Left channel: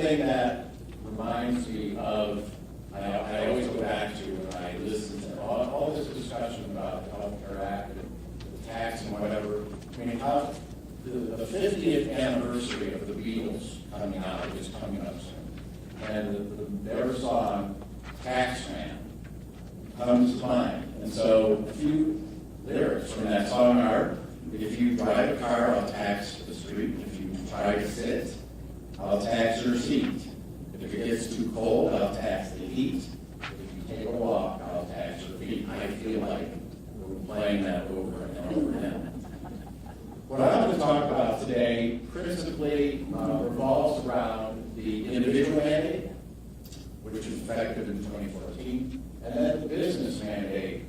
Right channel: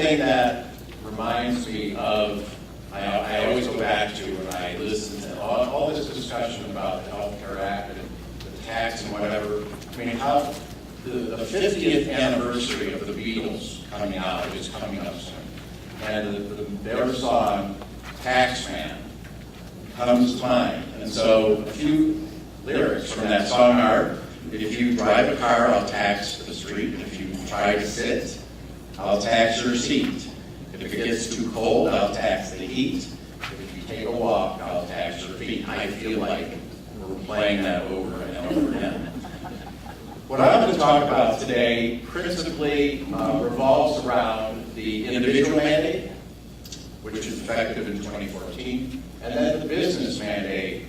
thing that reminds me of, I always go back to when I listen to all this discussion about the Health Care Act and the tax and whatever. I mean, how the 50th anniversary of the Beatles coming out is coming up soon. And their song, Taxman, comes to mind. And so a few lyrics from that song are, if you drive a car, I'll tax the street. If you try to sit, I'll tax your seat. If it gets too cold, I'll tax the heat. If you take a walk, I'll tax your feet. I feel like we're playing that over and over again. What I'm going to talk about today principally revolves around the individual mandate, which is effective in 2014, and then the business mandate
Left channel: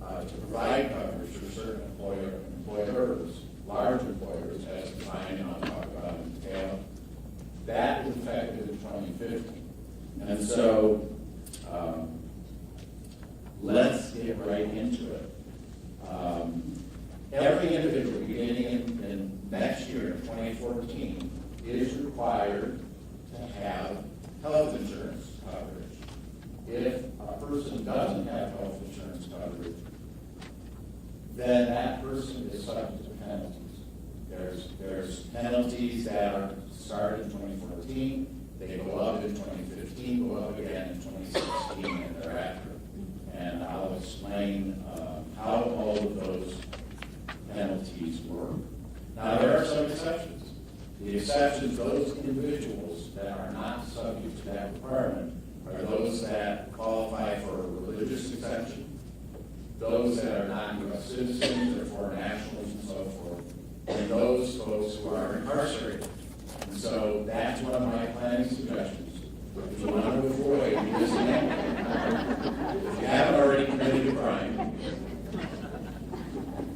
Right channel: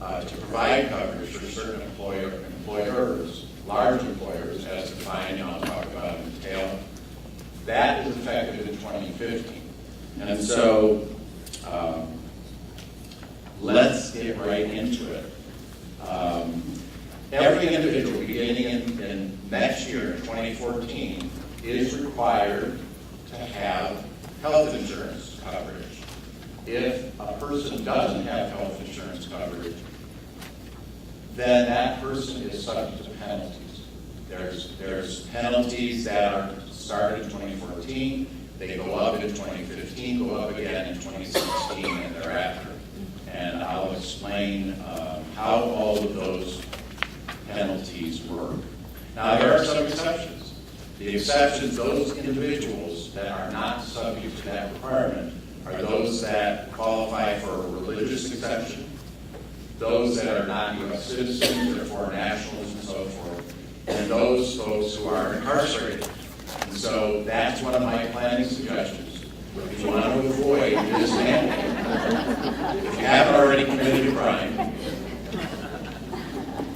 to provide coverage for certain employers, large employers, as defined, and I'll talk about in detail. That is effective in 2015. And so let's get right into it. Every individual beginning in next year, 2014, is required to have health insurance coverage. If a person doesn't have health insurance coverage, then that person is subject to penalties. There's penalties that are started in 2014, they go up in 2015, go up again in 2016 and thereafter. And I'll explain how all of those penalties work. Now, there are some exceptions. The exceptions, those individuals that are not subject to that requirement are those that qualify for a religious exemption, those that are not U.S. citizens or foreign nationals and so forth, and those folks who are incarcerated. And so that's one of my planning suggestions. If you want to avoid this mandate, if you haven't already committed a crime,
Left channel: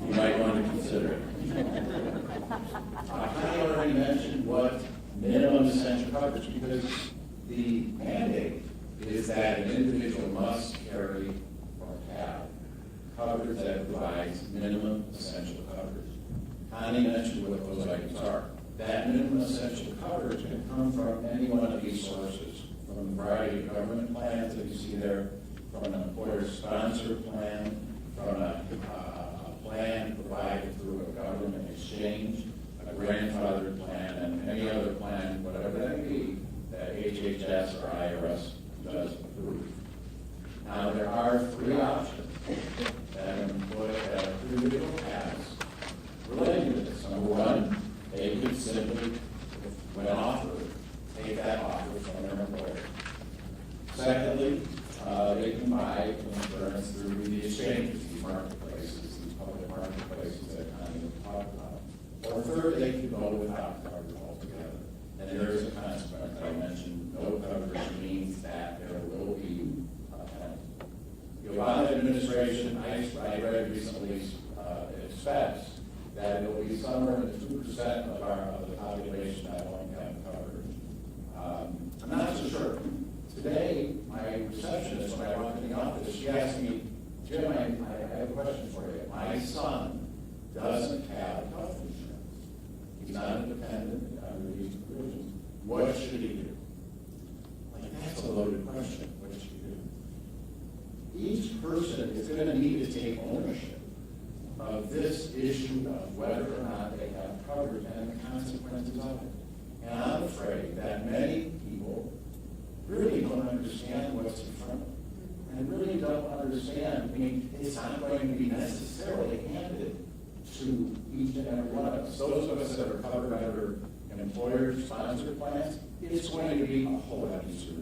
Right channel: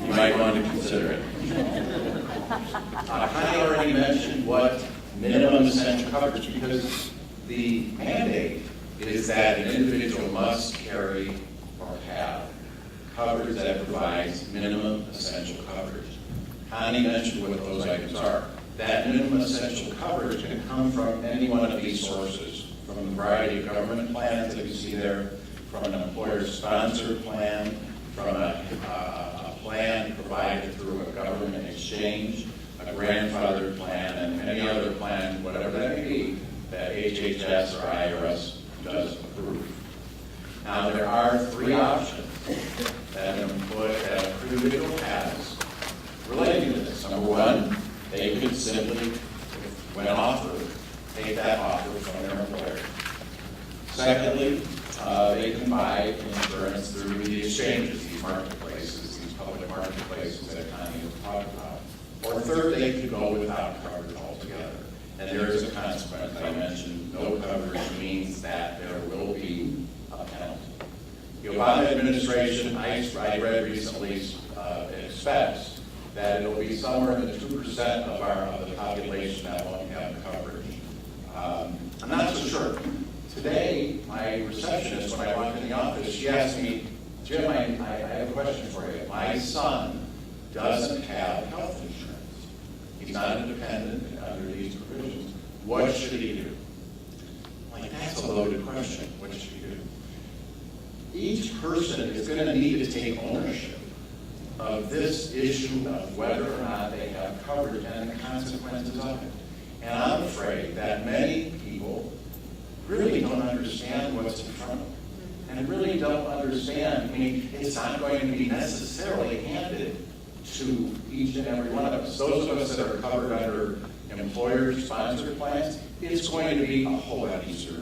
you might want to consider it. I already mentioned what minimum essential coverage, because the mandate is that an individual must carry or have coverage that provides minimum essential coverage. Connie mentioned what those items are. That minimum essential coverage can come from any one of these sources, from a variety of government plans that you see there, from an employer-sponsored plan, from a plan provided through a government exchange, a grandfathered plan, and any other plan, whatever that may be, that HHS or IRS does approve. Now, there are three options that an individual has relating to this. Number one, they could simply, when offered, take that offer from their employer. Secondly, they can buy insurance through the exchanges, these marketplaces, these public marketplaces that Connie has talked about. Or third, they could go without coverage altogether. And there is a consequence. I mentioned no coverage means that there will be a penalty. The Obama administration, I read recently, expects that it'll be somewhere in the 2% of the population that won't have coverage. I'm not so sure. Today, my receptionist, when I walked in the office, she asked me, Jim, I have a question for you. My son doesn't have health insurance. He's not independent under these provisions. What should he do? Like, that's a loaded question. What should he do? Each person is going to need to take ownership of this issue of whether or not they have coverage and the consequences of it. And I'm afraid that many people really don't understand what's in front of them. And really don't understand, I mean, it's not going to be necessarily handed to each and every one of us. Those of us that are covered under employer-sponsored plans, it's going to be a whole lot easier.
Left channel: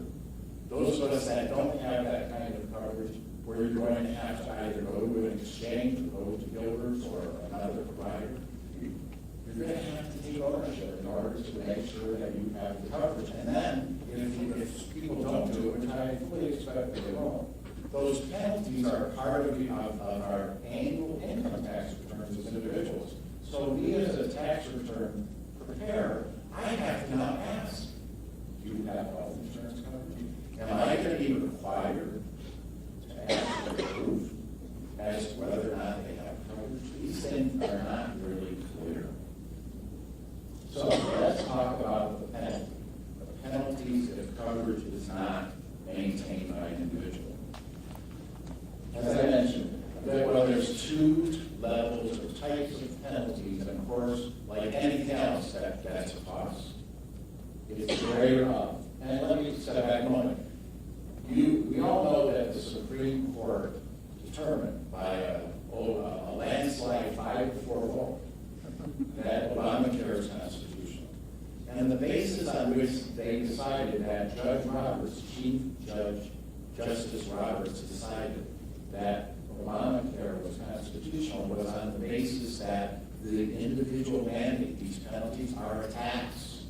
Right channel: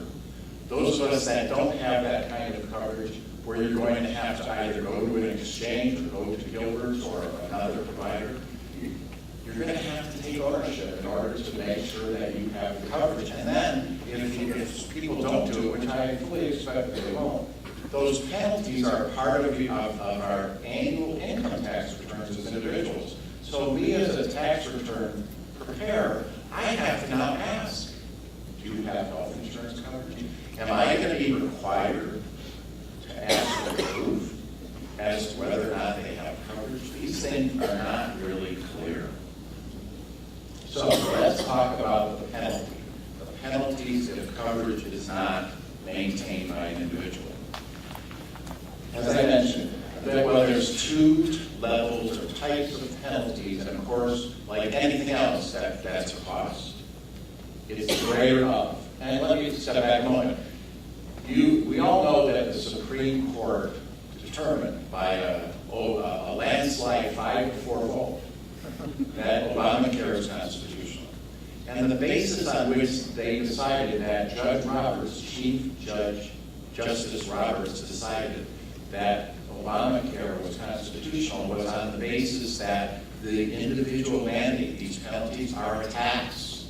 Those of us that don't have that kind of coverage, where you're going to have to either go to an exchange or go to HillBarth or another provider, you're going to have to take ownership in order to make sure that you have the coverage. And then, if people don't do it, which I fully expect that they won't, those penalties are part of our annual income tax returns as individuals. So we as a tax return preparer, I have to now ask, do you have health insurance coverage? Am I going to be required to ask for proof as to whether or not they have coverage? These things are not really clear. So let's talk about the penalty. The penalty penalties if coverage is not maintained by an individual. As I mentioned, well, there's two levels or types of penalties, and of course, like anything else, that's a cost. It's the greater of. And let me step back a moment. We all know that the Supreme Court determined by a landslide 5-4 vote that Obamacare is constitutional. And the basis on which they decided that Judge Roberts, Chief Judge Justice Roberts, decided that Obamacare was constitutional was on the basis that the individual mandate, these penalties, are a tax.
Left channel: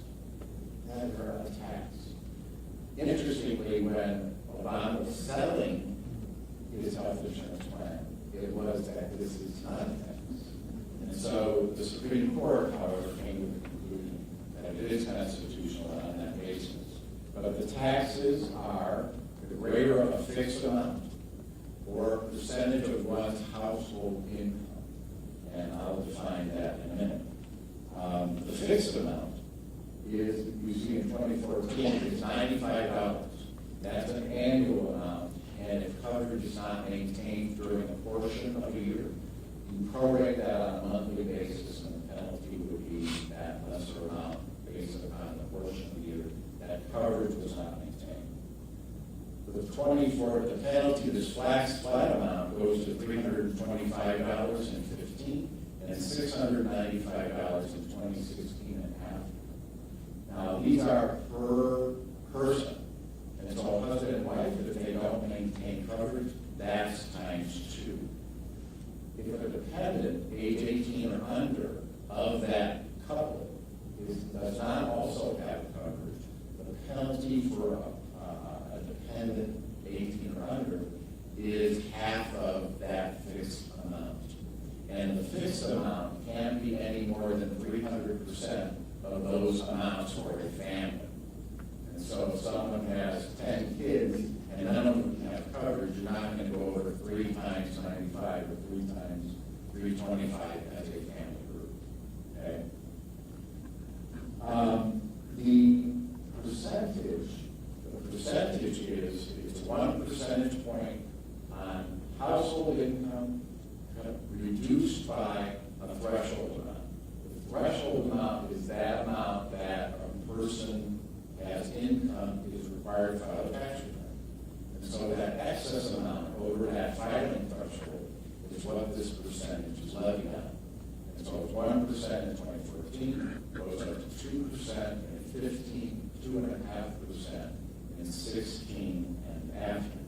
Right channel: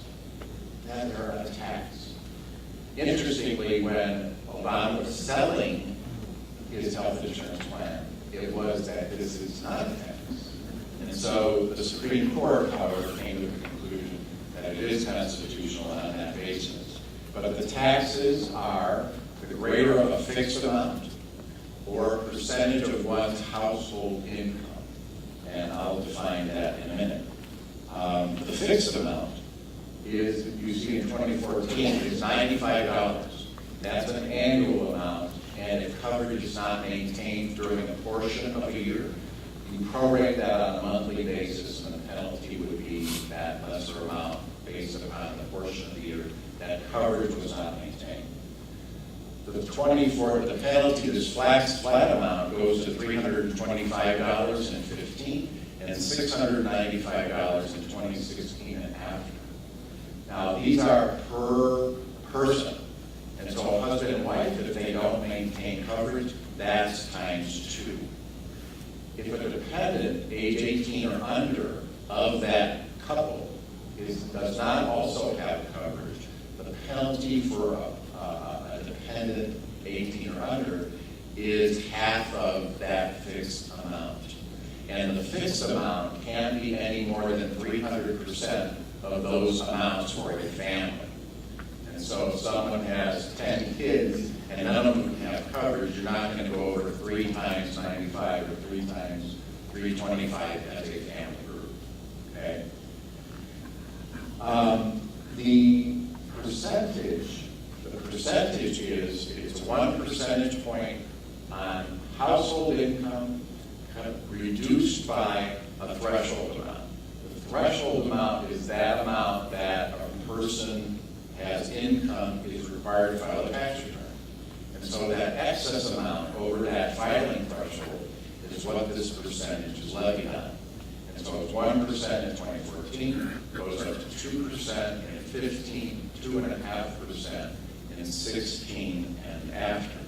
That they're a tax. Interestingly, when Obama was selling his health insurance plan, it was that this is not a tax. And so the Supreme Court, however, came to the conclusion that it is constitutional on that basis. But the taxes are the greater of a fixed amount or percentage of one's household income. And I'll define that in a minute. The fixed amount is, you see in 2014, is $95. That's an annual amount, and if coverage is not maintained during a portion of a year, you prorate that on a monthly basis, and the penalty would be that lesser amount based upon the portion of the year that coverage was not maintained. The penalty, this flat amount, goes to $325.15 and $695 in 2016 and after. Now, these are per person. And so a husband and wife, if they don't maintain coverage, that's ×2. If a dependent, age 18 or under, of that couple does not also have coverage, the penalty for a dependent 18 or under is half of that fixed amount. And the fixed amount can't be any more than 300% of those amounts for a family. And so if someone has 10 kids and none of them have coverage, you're not going to go over 3 times 95 or 3 times 325 as a family group. Okay? The percentage is, it's 1 percentage point on household income reduced by a threshold amount. The threshold amount is that amount that a person has income is required to file a tax return. And so that excess amount over that filing threshold is what this percentage is levied on. And so it's 1% in 2014, goes up to 2% in 15, 2.5% in 16 and after.